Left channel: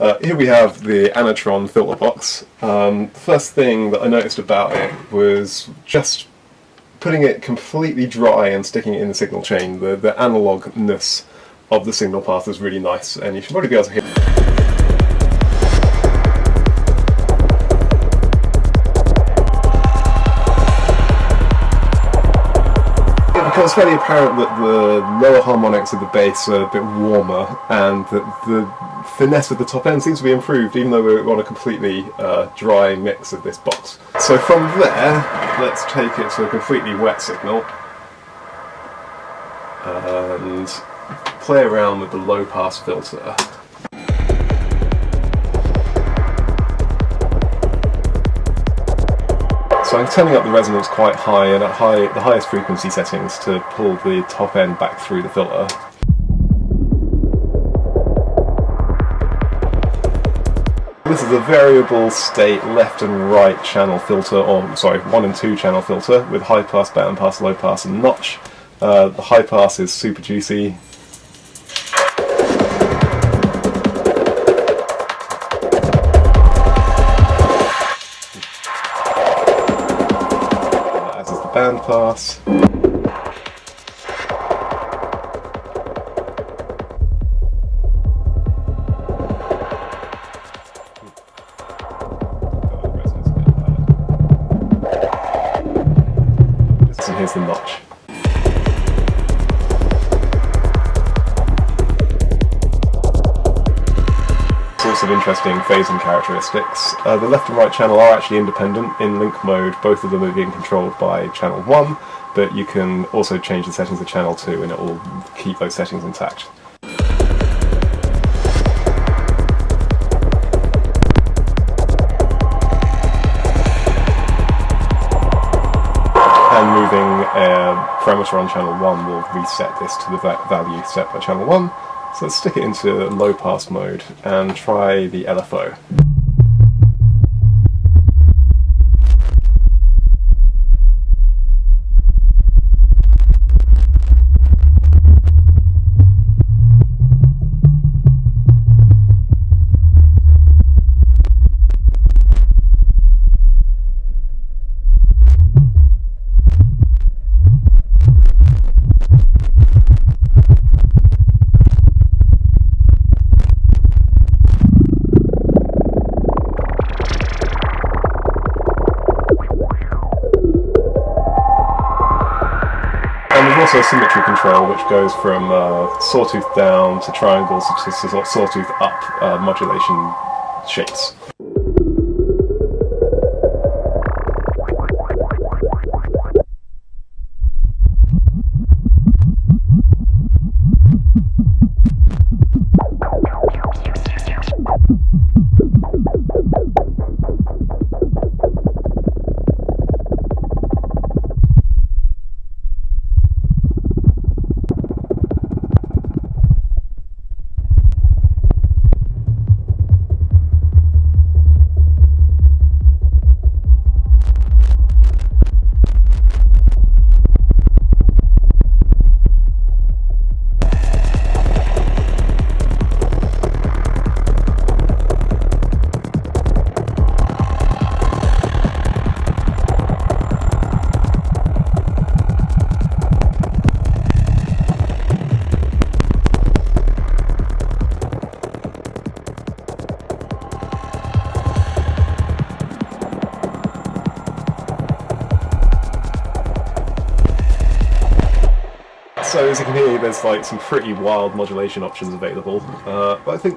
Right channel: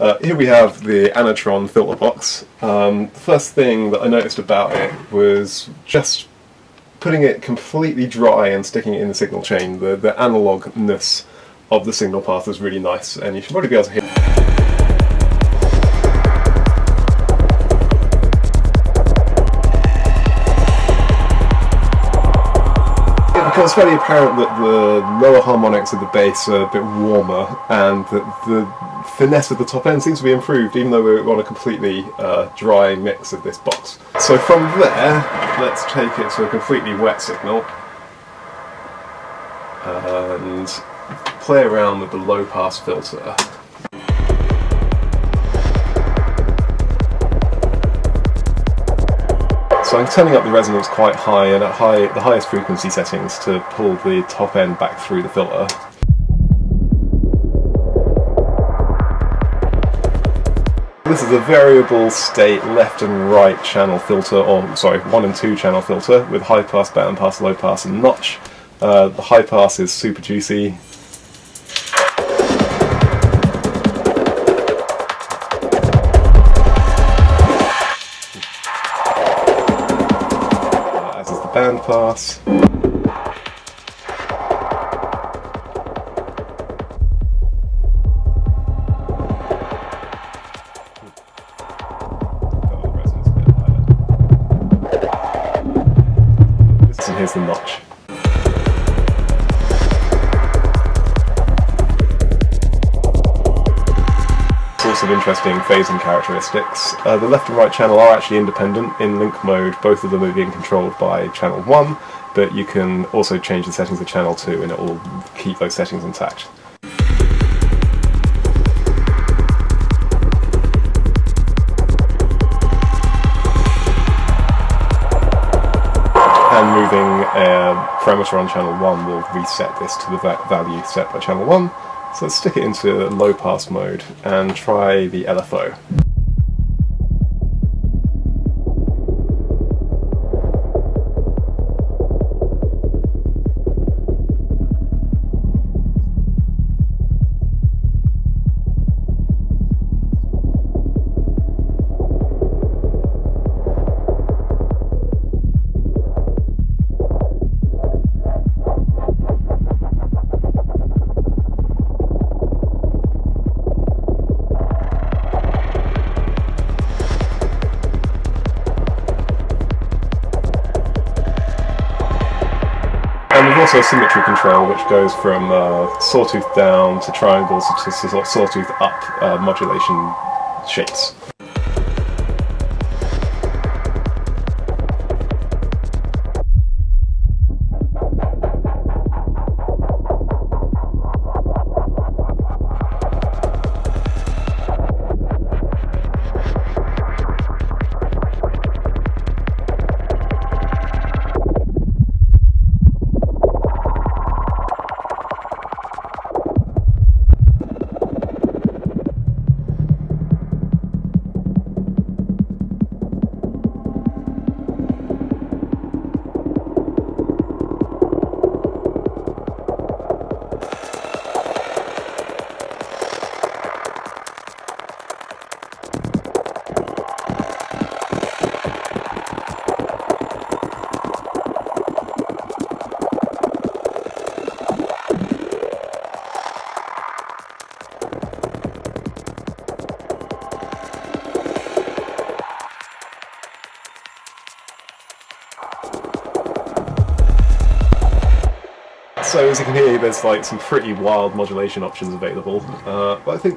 Here we have the Anatron filter box. The first thing that I noticed about it was just putting it completely dry and sticking it in the signal chain. The analogness of the signal path was really nice, and you should probably be able to hear. It becomes fairly apparent that the lower harmonics of the bass are a bit warmer, and that the finesse of the top end seems to be improved, even though we're on a completely dry mix of this box. So from there, let's take it to a completely wet signal and play around with the low pass filter. So I'm turning up the resonance quite high and at the highest frequency settings to pull the top end back through the filter. This is a variable state left and right channel filter, or sorry, 1 and 2 channel filter with high pass, band pass, low pass and notch. The high pass is super juicy. As is the band pass. And here's the notch. Sorts of interesting phasing characteristics. The left and right channel are actually independent. In link mode, both of them are being controlled by channel 1, but you can also change the settings of channel 2 and it will keep those settings intact. And moving a parameter on channel 1 will reset this to the value set by channel 1. So let's stick it into low pass mode and try the LFO. And there's also a symmetry control which goes from sawtooth down to triangles to sawtooth up modulation shapes. So as you can hear, there's like some pretty wild modulation options available, but I think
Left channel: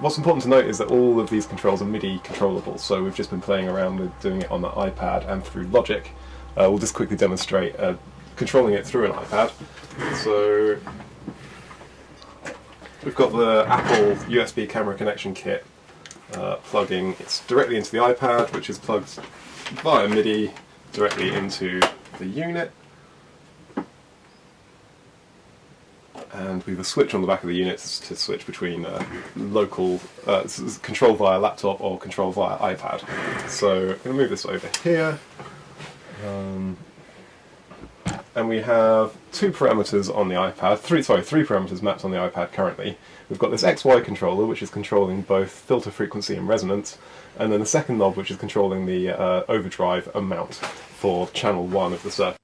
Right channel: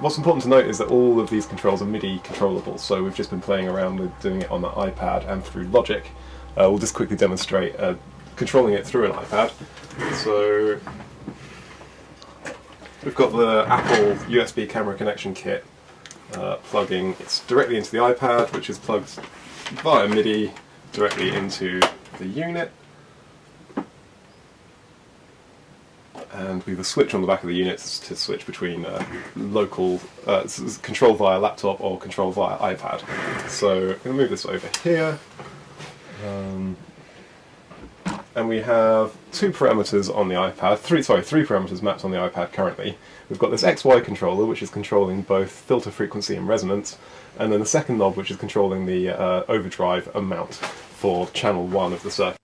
what's important to note is that all of these controls are MIDI controllable, so we've just been playing around with doing it on the iPad and through Logic. We'll just quickly demonstrate controlling it through an iPad. So we've got the Apple USB camera connection kit plugging it directly into the iPad, which is plugged via MIDI directly into the unit. And we have a switch on the back of the unit to switch between local control via laptop or control via iPad. So I'm going to move this over here. and we have two parameters on the iPad, three parameters mapped on the iPad currently. We've got this XY controller, which is controlling both filter frequency and resonance, and then the second knob, which is controlling the overdrive amount for channel 1 of the circuit.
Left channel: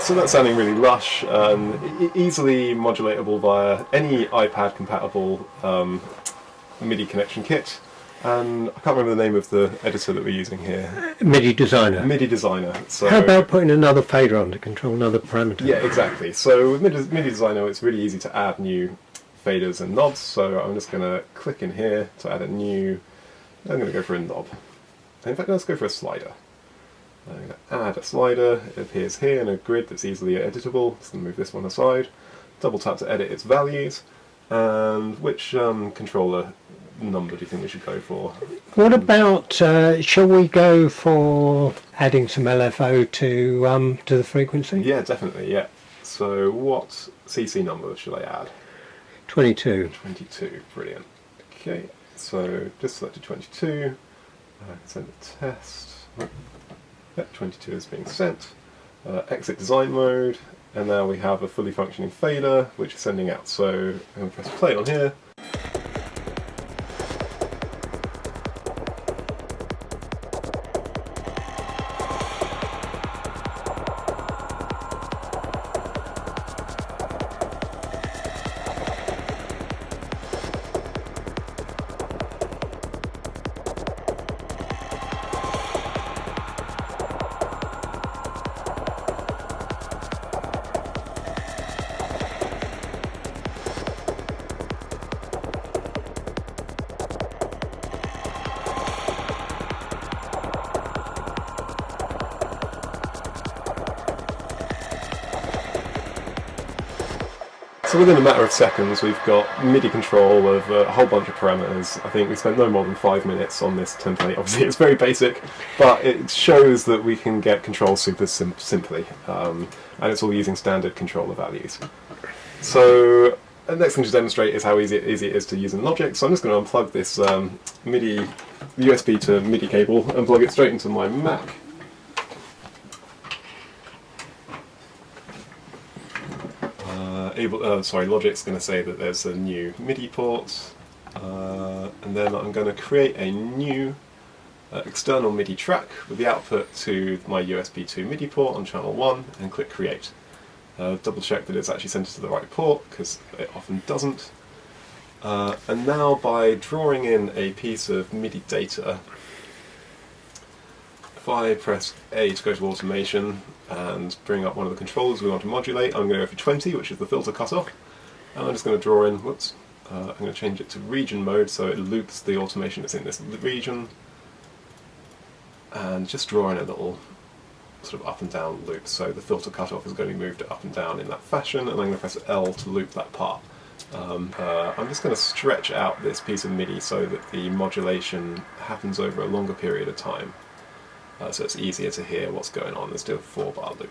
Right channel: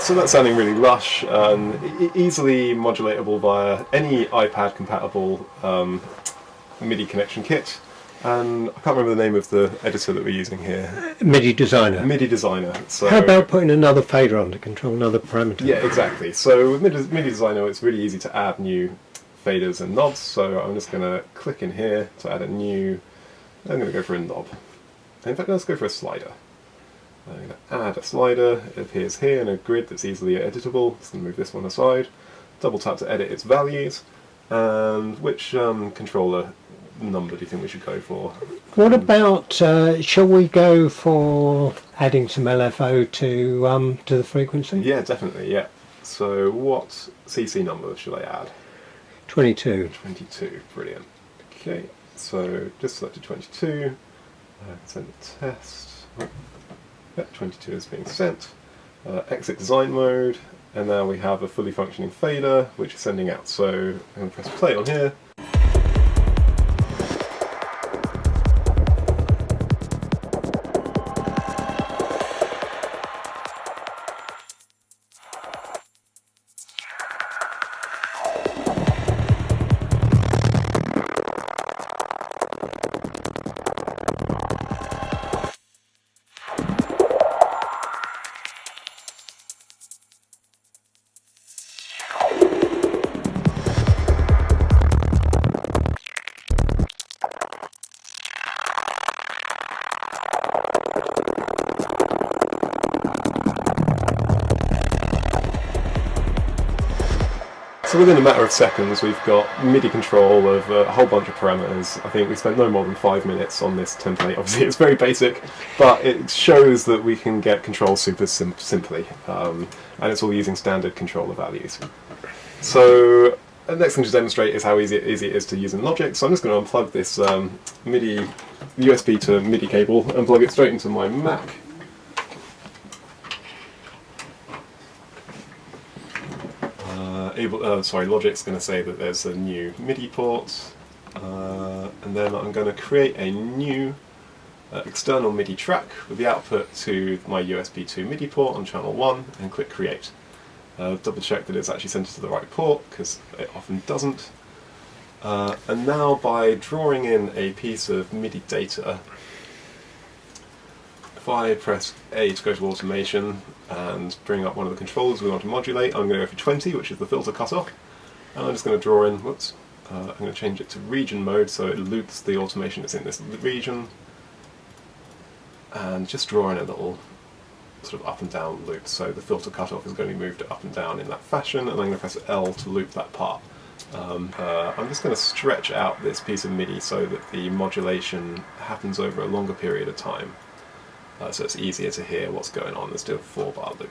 So that's sounding really lush and easily modulatable via any iPad compatible MIDI connection kit. And I can't remember the name of the editor that we're using here. MIDI Designer. MIDI Designer. So how about putting another fader on to control another parameter? Yeah, exactly. So with MIDI Designer, it's really easy to add new faders and knobs. So I'm just going to click in here to add a new. I'm going to go for a knob. In fact, let's go for a slider. I'm going to add a slider. It appears here in a grid that's easily editable. Just going to move this one aside. Double tap to edit its values. And which controller number do you think we should go for? What about, shall we go for adding some LFO to the frequency? Yeah, definitely, yeah. So what CC number should I add? 22. 22, brilliant. Okay, so just selected 22. Send the test. Yep, 22 is being sent. Exit design mode, and now we have a fully functioning fader which is sending out. So I'm going to press play on here. So within a matter of seconds we've got MIDI control of a whole bunch of parameters. I think we spent no more than 5 minutes on this template. Obviously it's very basic, but it shows that we can get control super simply, and it's all using standard controller values. So the next thing to demonstrate is how easy it is to use in Logic. So I'm just going to unplug this MIDI USB to MIDI cable and plug it straight into my Mac. Logic's going to say that there's a new MIDI port, and then I'm going to create a new external MIDI track with the output to my USB 2 MIDI port on channel 1 and click create. Double check that it's actually sent it to the right port, because it often doesn't. And now by drawing in a piece of MIDI data, if I press A to go to automation and bring up one of the controllers we want to modulate, I'm going to go for 20, which is the filter cutoff. And I'm just going to draw in, I'm going to change it to region mode so it loops the automation that's in this region. And just draw in a little sort of up and down loop. So the filter cutoff is going to be moved up and down in that fashion, and I'm going to press L to loop that part. I'm just going to stretch out this piece of MIDI so that the modulation happens over a longer period of time. So it's easier to hear what's going on. Let's do a 4-bar loop.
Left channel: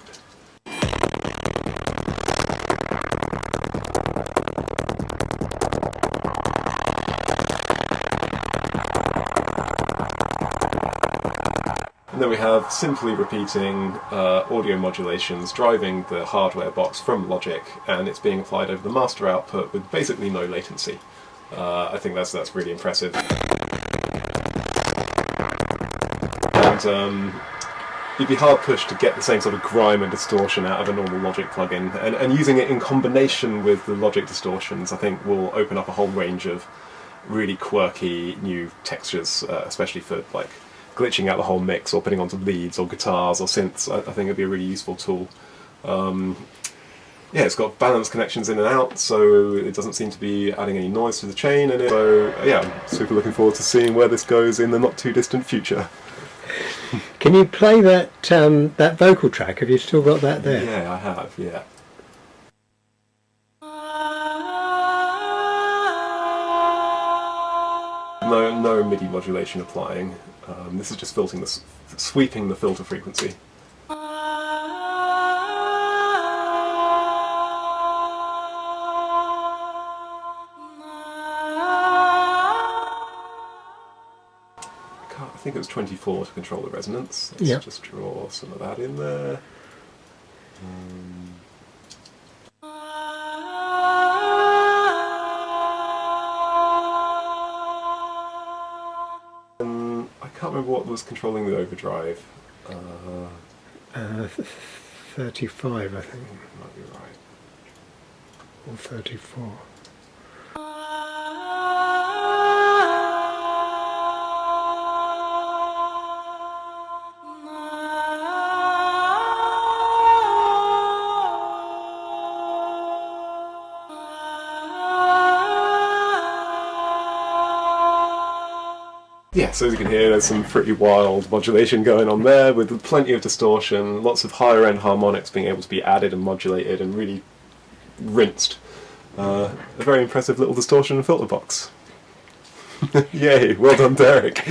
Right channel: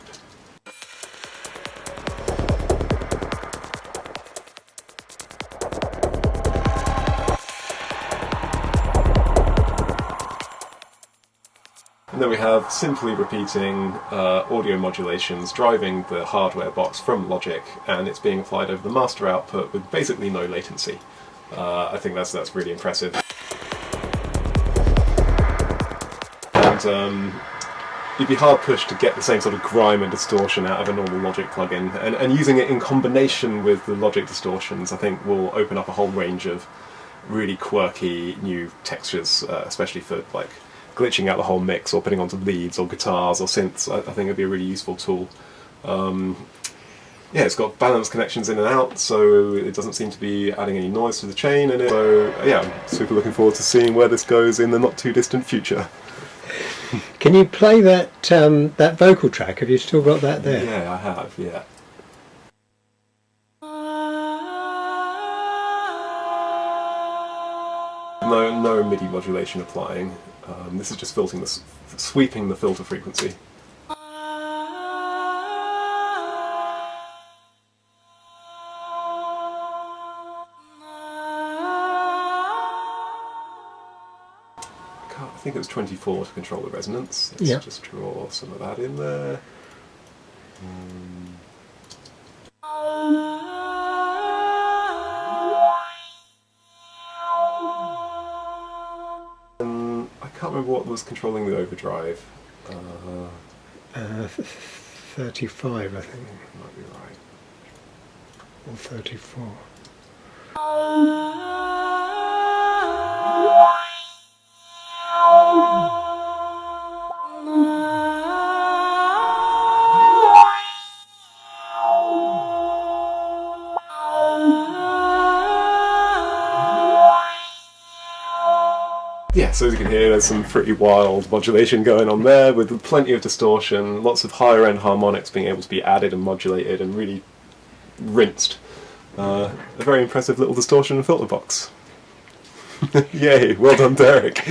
And then we have simply repeating audio modulations driving the hardware box from Logic, and it's being applied over the master output with basically no latency. I think that's really impressive. And you'd be hard pushed to get the same sort of grime and distortion out of a normal Logic plugin, and using it in combination with the Logic distortions, I think, will open up a whole range of really quirky new textures, especially for like glitching out the whole mix or putting onto leads or guitars or synths. I think it'd be a really useful tool. Yeah, it's got balanced connections in and out, so it doesn't seem to be adding any noise to the chain, and so yeah, I'm super looking forward to seeing where this goes in the not too distant future. Can you play that that vocal track? Have you still got that there? Yeah, I have, yeah. No MIDI modulation applying. This is just sweeping the filter frequency. I think it was 24 to control the resonance. Let's just draw some of that in there. I can't remember what was controlling the overdrive. 35, I think. Might be right. Or 34. Yeah, so as you can hear, there's some pretty wild modulation going on there, with plenty of distortion, lots of higher end harmonics being able to be added and modulated and really rinsed. A very impressive little distortion and filter box. Yay, well done, Derek.